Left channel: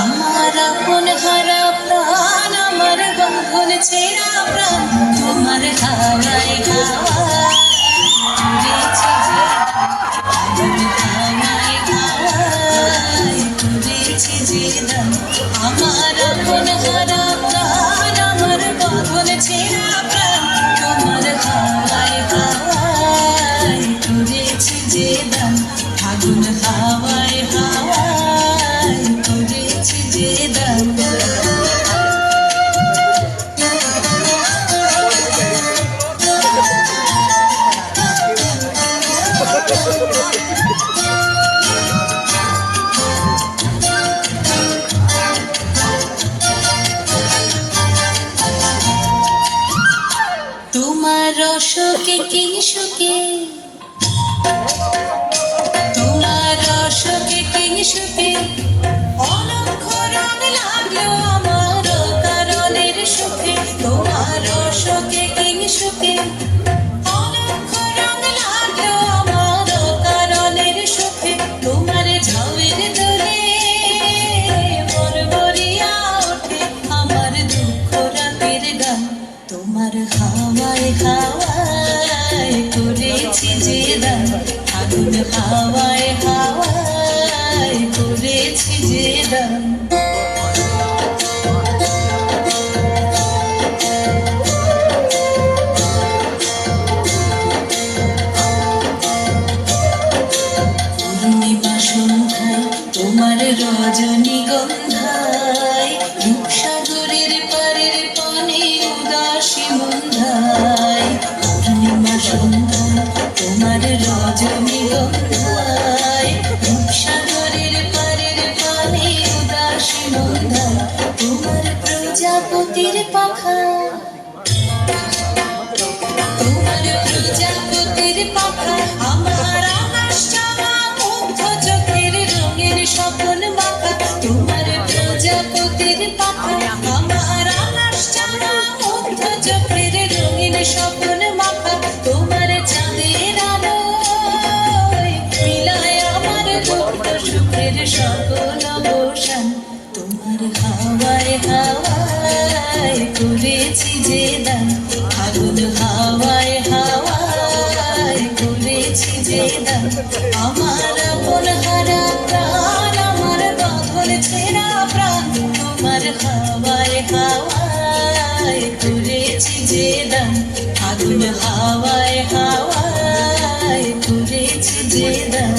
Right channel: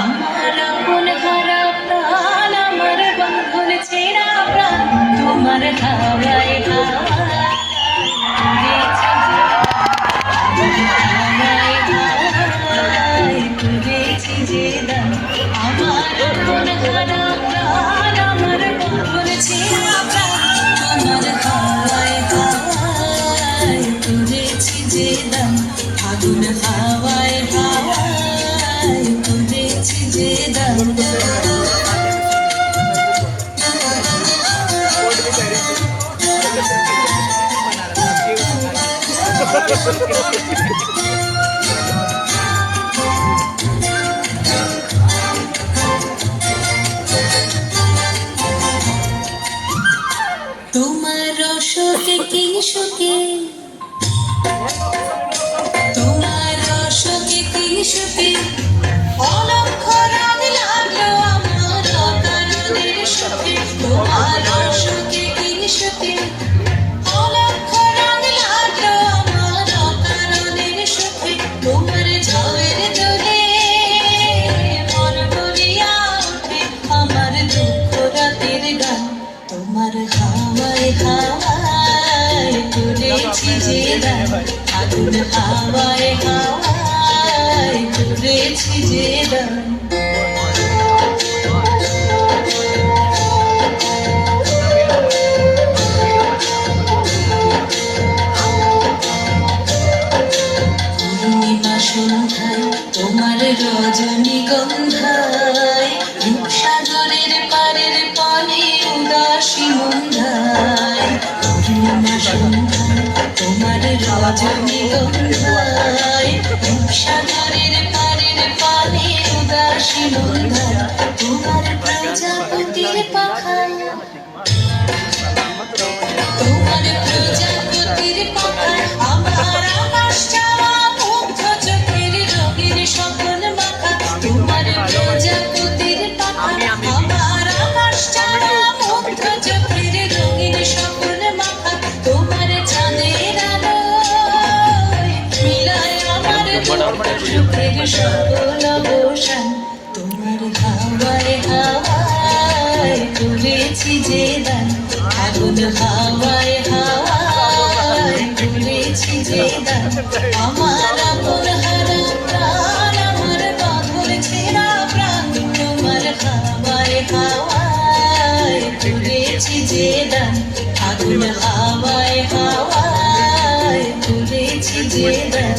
আমার আপন হারা প্রাণ, আমার বাঁধন ছেঁড়া প্রাণ, তোমার হাওয়ায় হাওয়ায় তুলেছি যে দাম। আমার আপন হারা প্রাণ, আমার বাঁধন ছেঁড়া প্রাণ, তোমার হাওয়ায় হাওয়ায় তুলেছি যে দাম। আগুন হাওয়ায় হাওয়ায় তুলেছি যে দাম। তোমার রসকে কিংসুকে, তোমার রসকে কিংসুকে অলক্ষ রং লাগলো আমার কারণের সুখে। তোমার রসকে কিংসুকে অলক্ষ রং লাগলো আমার কারণের সুখে। তোমার ঝাউয়ের দোলে বরবরিয়া ওঠে আমার দুঃখ রাতের গান। তোমার হাওয়ায় হাওয়ায় তুলেছি যে দাম। আগুন হাওয়ায় হাওয়ায় তুলেছি যে দাম। পূর্ণিমা সন্ধ্যায় তোমার রজনীগন্ধায়, রূপসাগরের পারের পানে উদাসী মন্ধায়। পূর্ণিমা সন্ধ্যায় তোমার রজনীগন্ধায়, রূপসাগরের পারের পানে উদাসী মন্ধায়। তোমার প্রজাপতির পাখা, তোমার প্রজাপতির পাখা আমার আকাশ চাওয়া মুগ্ধ চোখের রঙের স্বপ্ন মাখা। তোমার প্রজাপতির পাখা আমার আকাশ চাওয়া মুগ্ধ চোখের রঙের স্বপ্ন মাখা। তোমার চাঁদের আলোয় মিলায় আমার সুখের সকল অবসান। তোমার হাওয়ায় হাওয়ায় তুলেছি যে দান। আগুন হাওয়ায় হাওয়ায় তুলেছি যে দান। আমার আপন হারা প্রাণ, আমার বাঁধন ছেঁড়া প্রাণ, তোমার হাওয়ায় হাওয়ায় তুলেছি যে দান। আগুন হাওয়ায় হাওয়ায় তুলেছি যে দান।